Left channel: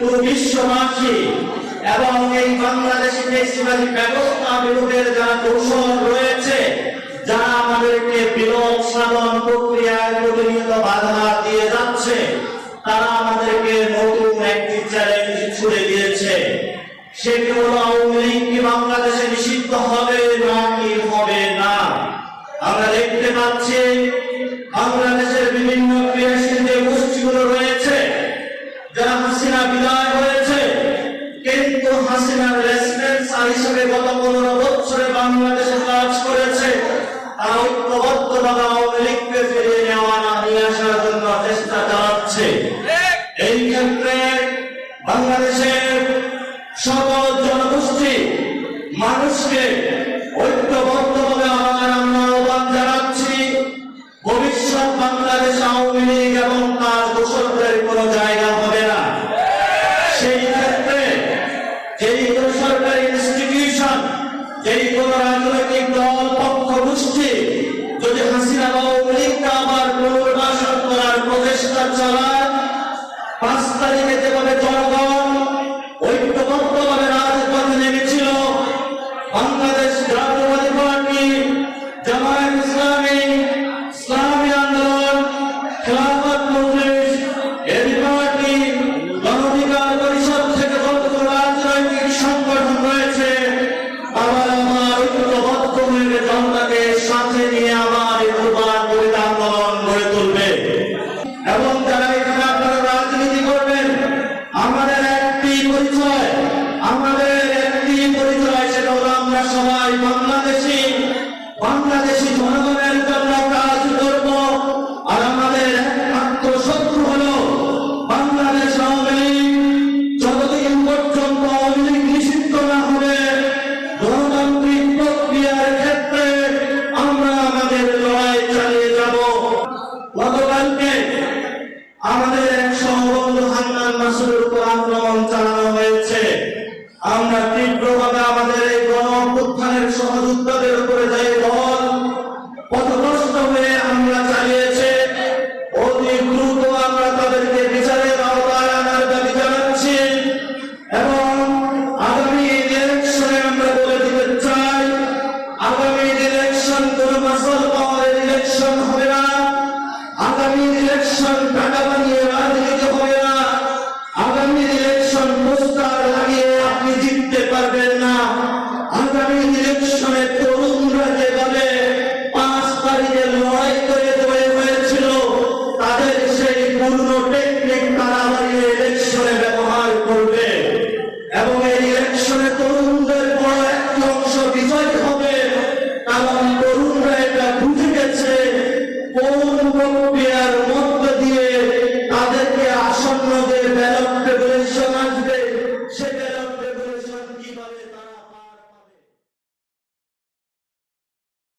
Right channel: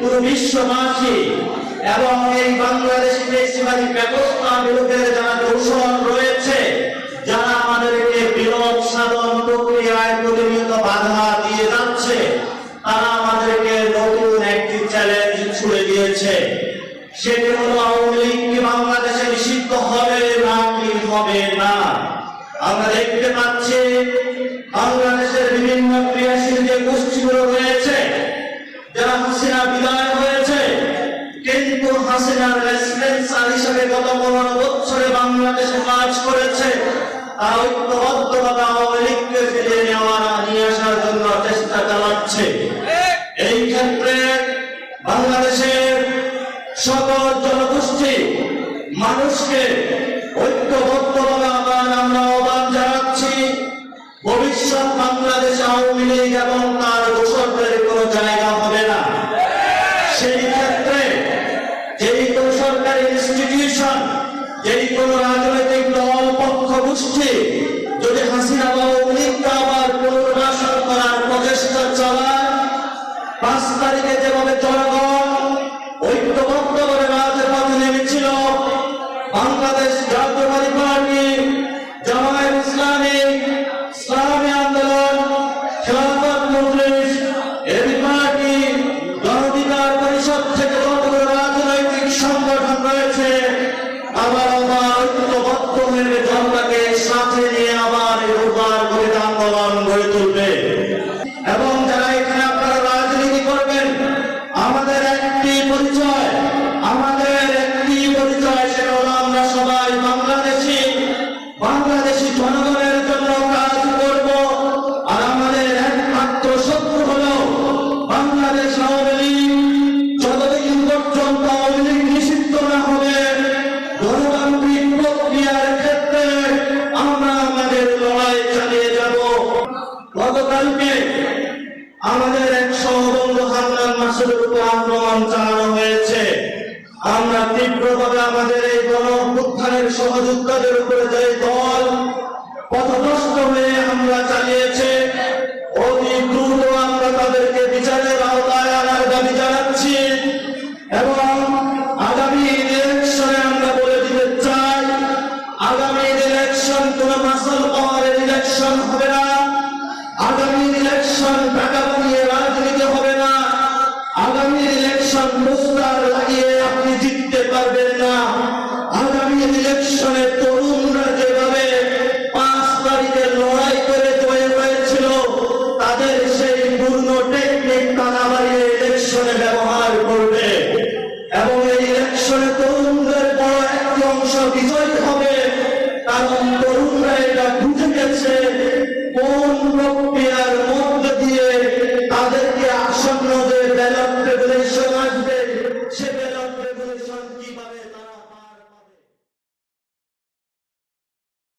পুরো বিশ্ববাসী এবং এই বাংলাদেশি ফেস্টিভ্যাল ব্যবস্থা বিলোপের যারা কৌশল রয়েছে, যারা আমাদেরকে বিলোপ সাধন প্রক্রিয়ায় প্রতিনিয়ত বাধা দিয়ে যাচ্ছে, তারা আমাদেরকে নতুন একটি চ্যালেঞ্জ ছুড়ে দিয়েছে। সেটি হলো আওয়ামী লীগ কি বাংলাদেশে নিষিদ্ধ হবে নাকি হবে না। আমরা দেখতে পাচ্ছি বাংলাদেশের বিভিন্ন ক্রিয়াশীল যে গোষ্ঠীগুলো রয়েছে, যারা হাসিনা বিদায় হয়েছে কিন্তু হাসিনার রেসপন্সার হিসেবে গত 15 বছরে বাংলাদেশে কাজ করেছে, তারা ঐক্যবদ্ধভাবে আওয়ামী লীগকে ফিরিয়ে নিয়ে আসার জন্য চেষ্টা চালাচ্ছে। এই ক্ষেত্রে বাংলাদেশের সকল জনগোষ্ঠী মানুষকে ঐক্যবদ্ধভাবে আমরা আহ্বান জানাচ্ছি, ভবিষ্যৎ বাংলাদেশ আওয়ামী লীগ এবং তার দোসরদের কোনো জায়গা হবে না। সেই ক্ষেত্রে যেই কোনো সরকারি ইনস্টিটিউশন, যেই কোনো রাজনৈতিক দল পক্ষ গোষ্ঠী যদি হাসিনা আওয়ামী লীগকে আবার পুনর্বাসন করার প্রচেষ্টা চালায়, 5 তারিখে যেভাবে জনগণ ঐক্যবদ্ধভাবে রাজপথে নেমেছিল, বাংলাদেশ জাতীয়তাবাদী পার্টি, জামায়াত ইসলামী, ইসলামী আন্দোলন, খেলাফত মজলিস, এবি পার্টি, গণ অধিকার পরিষদ থেকে যতগুলো রাজনৈতিক সংগঠন রয়েছে, আবার ঐক্যবদ্ধ হয়ে জনতাকে সাথে নিয়ে আবার এই দুর্বার আন্দোলন গড়ে তুলবে। এবং যারা এখানে আপনারা রাজনীতি করবেন, আমাদের একটি পরিচয়, সেটা হলো আমরা সবাই বাংলাদেশি জনগণের জন্য কাজ করব। আর আমাদের একমাত্র শত্রু হলো বাংলাদেশ আওয়ামী লীগ। যতদিন পর্যন্ত আওয়ামী লীগ নিষিদ্ধ না হবে, গণতান্ত্রিক প্রক্রিয়ার ক্ষেত্রে আমরা আমাদের লড়াই চালিয়ে যাব। গতকালকে আমাদের এক সহবন্ধু হান্নান মাসুদের উপর আক্রমণ চালানো হয়েছে। আমরা তীব্রভাবে আমাদের এই গণ অভ্যুত্থানের সহযোদ্ধাদের উপরে